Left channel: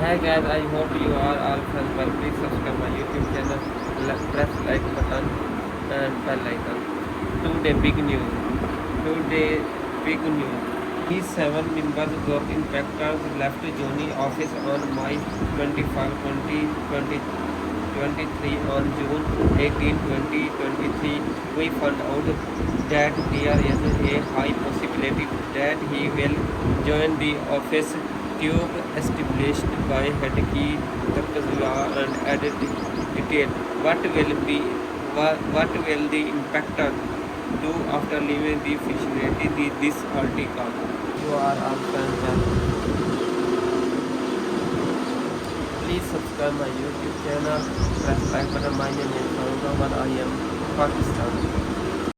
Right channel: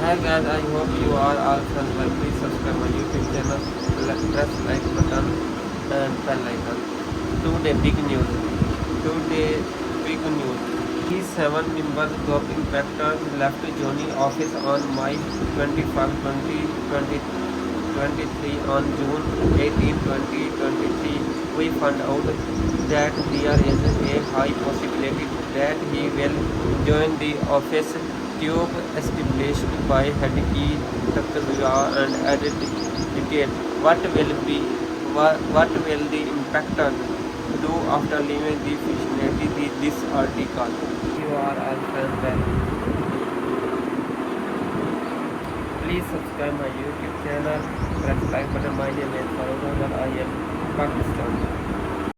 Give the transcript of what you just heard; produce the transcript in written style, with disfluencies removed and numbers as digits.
Hi guys, I hope you are all fine. Well, please subscribe my YouTube channel, press like button and bell icon. Today big news. Today big news. These 7 members TOBE IMPACTors left joining office on May 25, 2023. On June 18, 2023, we found out that there is a high possibility that he will join the office. TOBE established by head key Takazwa and added detail. What will the impactor do after leaving the vicinity? This article. You are all fans well. Please subscribe my YouTube channel. Press like button. My name is Farooq. I am Pakistan.